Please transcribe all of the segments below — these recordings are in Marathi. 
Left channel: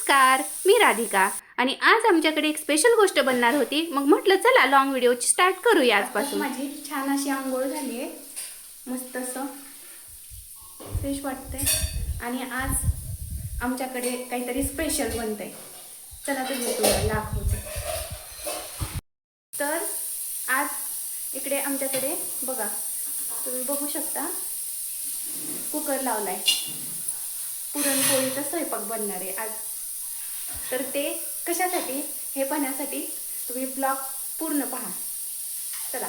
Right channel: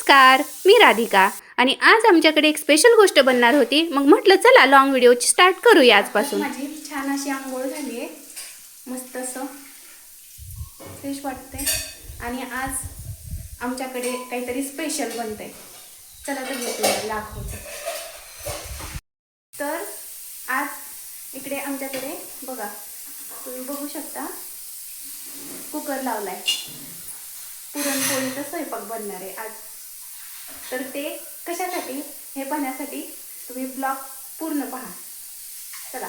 नमस्कार, मी राधिका आणि आज आमच्याकडे एक स्पेशल गोष्ट बनणार होती. मग म्हटलं चला लॉंग व्हिडिओ स्टार्ट करूया आजपासून. माझी छान अशी आंघोळ झाली आहे, मस्त असं फ्रेश वाटते आणि आज आमच्याकडे काहीतरी स्पेशल बनतंय. चला तर मी तुम्हाला दाखवते. तर आज इकडे आमच्याकडे बघा, तुम्ही बघू शकता कुकर लावलाय. पुरणपोळीचा स्वयंपाक बनणार आहे आज. तर ते कशासाठी हे पाहण्यासाठी तुम्ही ब्लॉग पूर्ण पहा. चला.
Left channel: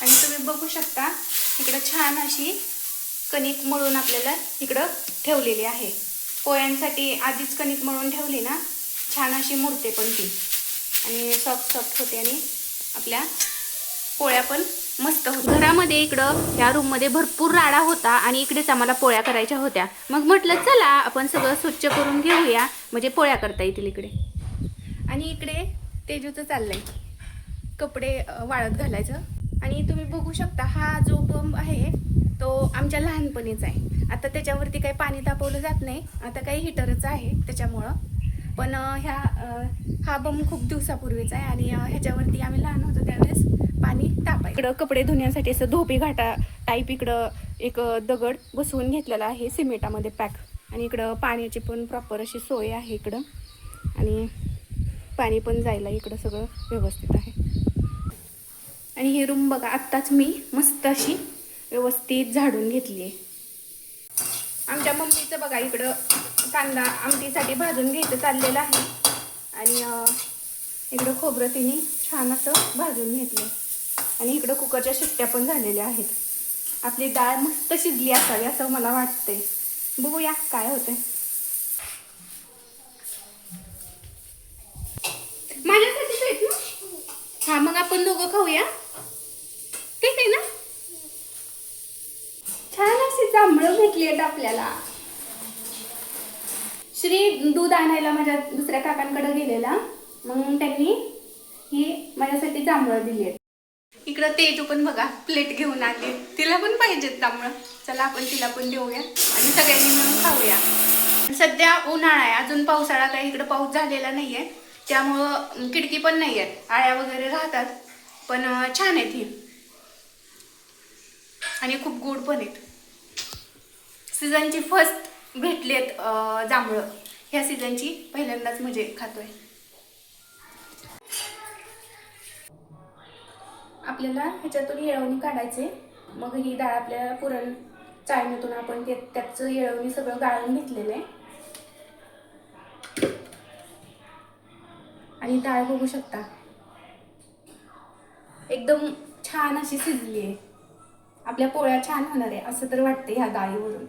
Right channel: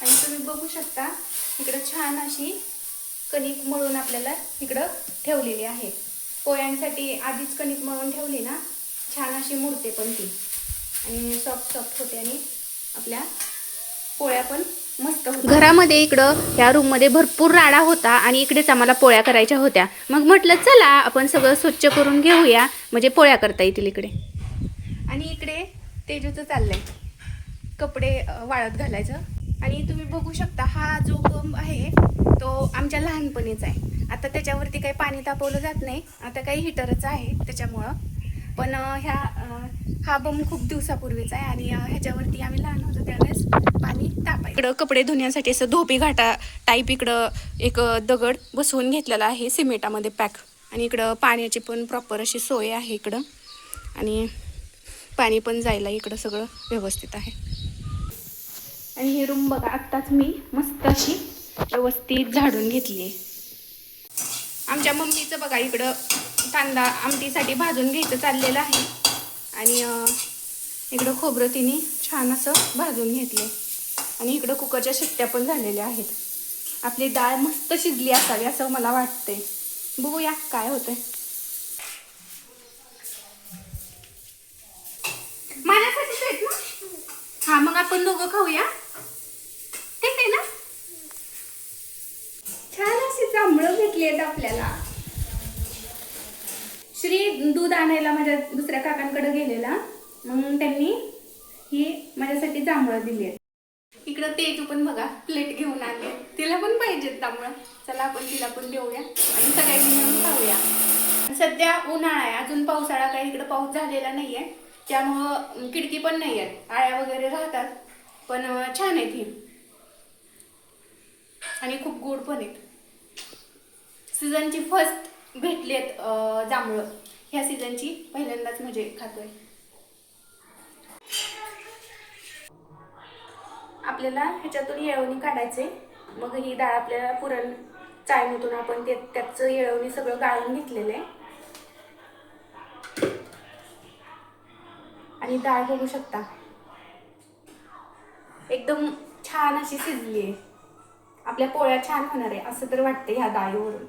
आणि तुम्ही बघू शकता इकडं छान अशी कणिक मळून आपल्याला इकडं ठेवलेली आहे. पोळ्यांसाठी आधीच कणिक मळून ठेवली ना, छान अशी मुरते पण ती आणि सॉफ्ट सॉफ्ट होते आणि आपल्या पोळ्या पण मस्त होत्या. घरामध्ये इकडं ह्या रूममध्ये भरपूर राडा होता आणि इकडेच आम्हाला पोळ्या करायच्या होत्या. मग म्हटलं चला आपण सगळं स्वच्छ करून घेऊया, म्हणजे पोळ्या करता येतील इकडे. आणि इकडे तेजूचं चाललंय कपडे वाळत घालायचं. आणि तुम्ही बघू शकता हा जो बंब आहे तो आमच्या लहानपणीचा आहे. आता त्याच्यावरती काही पाणी तापवलं जात नाही, आता काही हिटरच आहे त्याच्यामुळं. पण हा बंब खूप दिवसापूर्वीचा आहे आणि ह्याच्यावरती आम्ही लहान होतो त्यावेळेस पाणी तापायचं. इकडं कपडे धुण्यासाठी असं धोबी घाटा टाईप इकडं एक दगड बसवून घेतलेला आहे सिमेंटामध्ये पॅक. आणि इकडं पाण्याची पण प्रॉपर अशी सोय आहे इकडं, आणि पाणी पण जायला इकडं सगळं व्यवस्थित आहे. आणि ही रूम बघा, आत्ताच मी मस्त अशी व्यवस्थित झाडून घेतली आहे. आमच्या मम्मीचं बघा इकडं कांदा आमटीसाठी भाजून घ्यायचं चाललेलं आहे. आणि इकडं खोबरं तिने छान असं भाजून घेतले. आणि इकडं कुकरच्या शिट्ट्या पण झालेल्या आहेत. आपली डाळ मस्त शिजली असावी असं मला वाटतंय. बघूया काय होतंय. माझ्यासाठीच आहेत ना? हा, मग आपण दोघं खाऊया, ठीक आहे ना? छान अशी जांभळं भेटली आहेत आपल्याला. श्री दूध आणायला माझ्या दुसऱ्या काकांकडे गेलेला, मग त्यांनी ही माझ्यासाठी जांभळं दिली आहेत. इकडं तेजू पण बघा प्लेट घेऊन आले, तिला पण पाहिजेत जांभळं. चला आपण तिला पण देऊया आणि सगळ्यांनी मिळून खाऊया. सध्या उन्हाळा आहे, अजून पावसाळा काही इकडं पाऊस झालेला नाहीये, त्यामुळं खिडकी पण नाही आहे, आळ्या वगैरे राहतात. पण छान आहेत ही आणि खूप गोड पण आहेत. सीझनची फर्स्ट भेटलेत जांभळं, ह्या सीझनची पहिल्यांदाच म्हणजे खातोय. आपल्याला ह्याच्यातून येळवणी काढायचे. मग ही डाळ आपल्याला पुरण चाळणीतून आपण त्याचं येळवणी सगळं गाळून घेतलेलं आहे. आणि डाळ बघू शकता एकदम छान अशी शिजली आहे. आपल्या पोळ्या छान होणार आहे असं तर वाटतं ह्या डाळीवरून.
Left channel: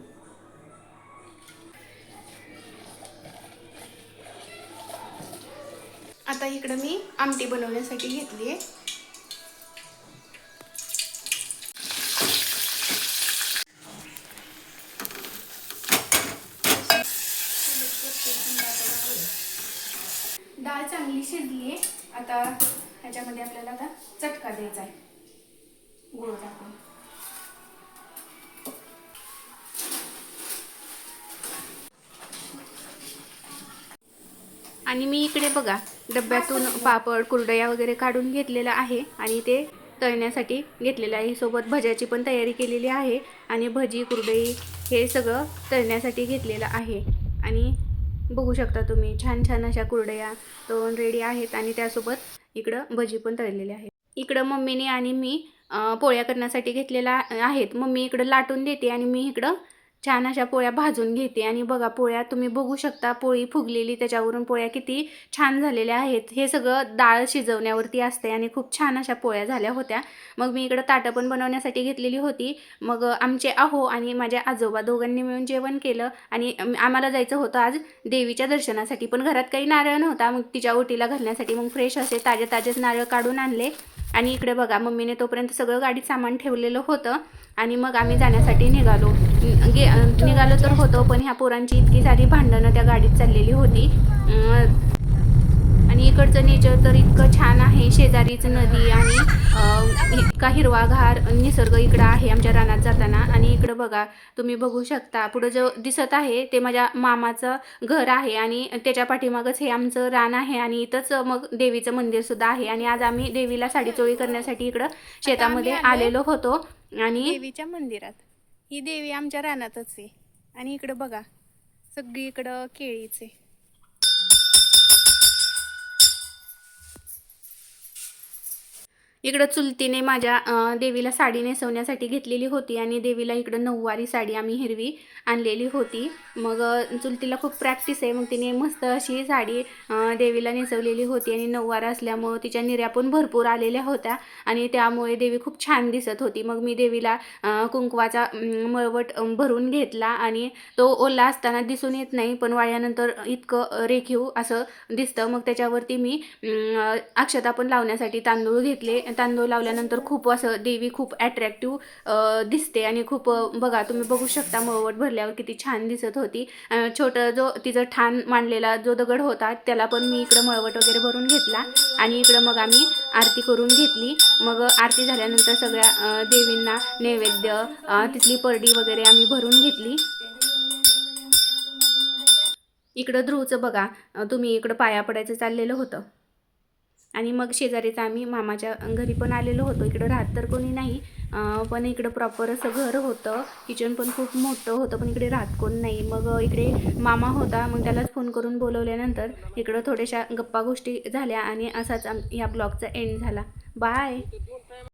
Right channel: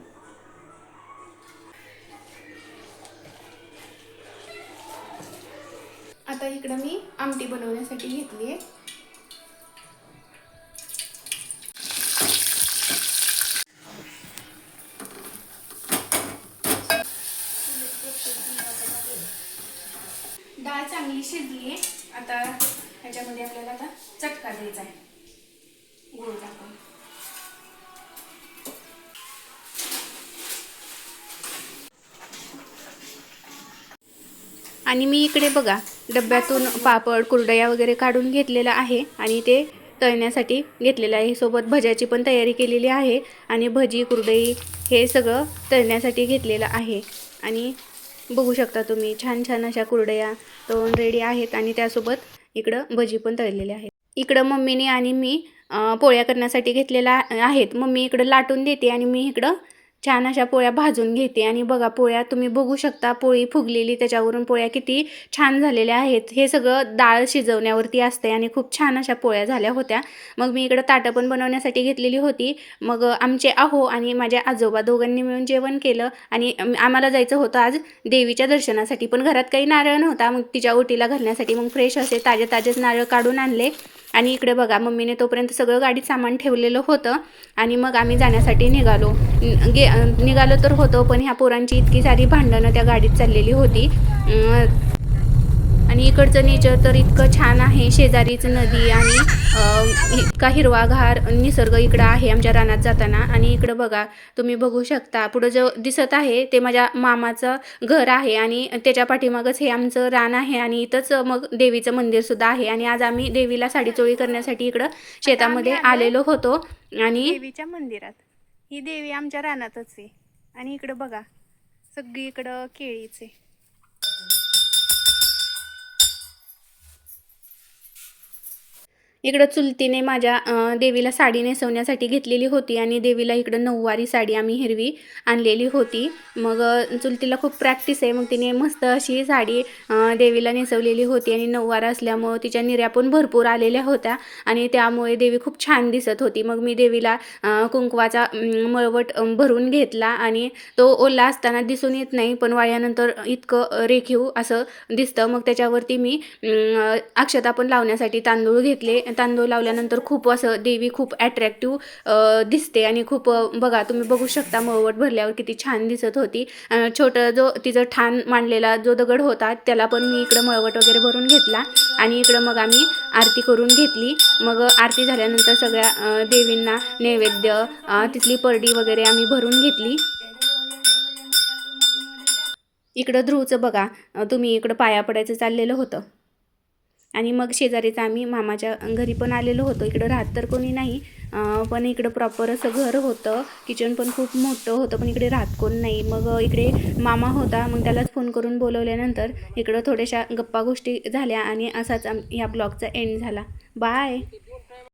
आता इकडं मी आमटी बनवण्यासाठी घेतली आहे. डाळ चांगली शिजली आहे. आता ह्याच्यामध्ये आपल्याला आता चटका द्यायचा आहे गूळ टाकून. आणि मी इकडे बघा डब्यातून पापड कुरडया वगैरे काढून घेतलेला आहे आणि ते तळण्यासाठी घेतलेलं आहे. सोबत भज्याची पण तयारी केलेली आहे आणि भजी कुरडई हे सगळं तळण्यासाठी घेतलेलं आहे. आणि बघू शकता तुम्ही छान छान अशा कुरडया तळून रेडी आहेत आणि त्यासोबत इकडं भजी पण तळलेली आहे. इकडं मम्मीने आणि मी पोळ्या करण्यासाठी घेतलेल्या आहेत. मम्मी इकडं लाटून देते आणि मी इकडं छान अशा पोळ्या भाजून घेते. आणि बघा पोळ्या तुम्ही बघू शकता, पोळी फुगलेली, त्याच्यावरून पोळ्या किती छान झालेल्या आहेत. हे सगळं डाळ शिजवण्यावरती असते आणि खूप छान अशा पोळ्या झाल्या होत्या. मग मी इकडं ताटं पण बनवण्यासाठी घेतलेली होती. मग आमचे आहो आणि माझे आजोबा दोघांनी मिळून जेवण केलं. आणि आम्हाला जायचं होतं आज देवीच्या दर्शनासाठी, पण घरात काही नारळ नव्हता. मग तिच्या ओटीला घालण्यासाठी मग फ्रेश असे ताजेच नारळ काढून आणले. आणि इकडे बघा मम्मीने तोपर्यंत सगळं गाडीत सामान ठेवलेलं होतं. आणि मग आम्ही जाण्यासाठी निघालो तर होतो, पण ह्या पोरांची इतकी सारी भांडणं त्या गाडीत चाललेली होती. आणि इकडचं नेचर तर इतकं छान आहे, शेजारीच नदी आणि इतका हिरवागार निसर्ग इकडं आहे आमच्या रानात जाताना. आणि इकडं बघा, तुम्ही बघू शकता पुढं जो दिसत आहे ते माझ्या मामाचं घर आहे आणि त्याच्या पाठीमागच हे आमचं रान आहे आणि इथंच मग देवीचं मंदिर सुद्धा आहे. आणि आज आम्ही देवीला साडीचोळी करण्यासाठी इकडं शेतामध्ये आम्ही आलोय आलेलो होतो. आणि देवीच्या मंदिरात. ही देवी आमच्या रानातच आहे. आणि इकडं बघा, सगळीकडं केळीच आहे. इकडं चुलतीने माझ्या देवीला साडी नेसवण्यासाठी घेतलेली होती आणि देवीला इकडं नऊवारी साडी आम्ही हिरवी आणलेली होती. मग चुलतीला खूप प्रॅक्टिस आहे, मग तिने मस्त अशी साडी देवीला नेसवलेली होती आणि नऊवार असल्यामुळं तिच्या निर्या पण भरपूर आलेल्या होत्या आणि त्यामुळे देवी खूप छान दिसत होती. मग मी देवीला कुंकवाचा मळवट भरून घेतला आणि तो ओला असताना दिसून येत नाही, पण वाळल्यानंतर इतकं रेखीव असं दिसतं. मग त्याच्यावरती मी अक्षता पण लावण्यासाठी तांदूळ घेतले. तांदूळ लावल्यानंतर खूप असं देवी खूप अट्रॅक्टिव्ह दिसते आणि खूप बघा, तुम्ही बघू शकता मळवट भरल्यावर किती छान दिसत होती. छोटं जो तिचं ठाण मांडलेला जो दगड होता त्याला पण मी इकडं मळवट वगैरे भरून घेतला आणि इकडं मग आम्ही आरती करून घेतली. मग आरती झाल्यानंतर सगळ्या देवींना नैवेद्य, तिथली परडी वगैरे आम्ही भरून घेतली. इकडं ध्रुवचं बघा, तुम्ही इकडं पाया पडायचं चाललेलं होतं आणि मग शेजारीच आम्ही मामाच्या घरी पण आलेलो होतो. इकडं राहत तर कोणी नाही, पण इकडं प्रॉपर असं घर होतं, किचन पण खूप मोठं होतं, पण इकडे राहत कोण नाही. मग इकडे मामा होता, मग त्यालाच फोन करून बोलवल्यानंतर इकडं थोड्याशा गप्पा गोष्टी झाल्या आणि असाच या ब्लॉगचा एंड झाला. बाय.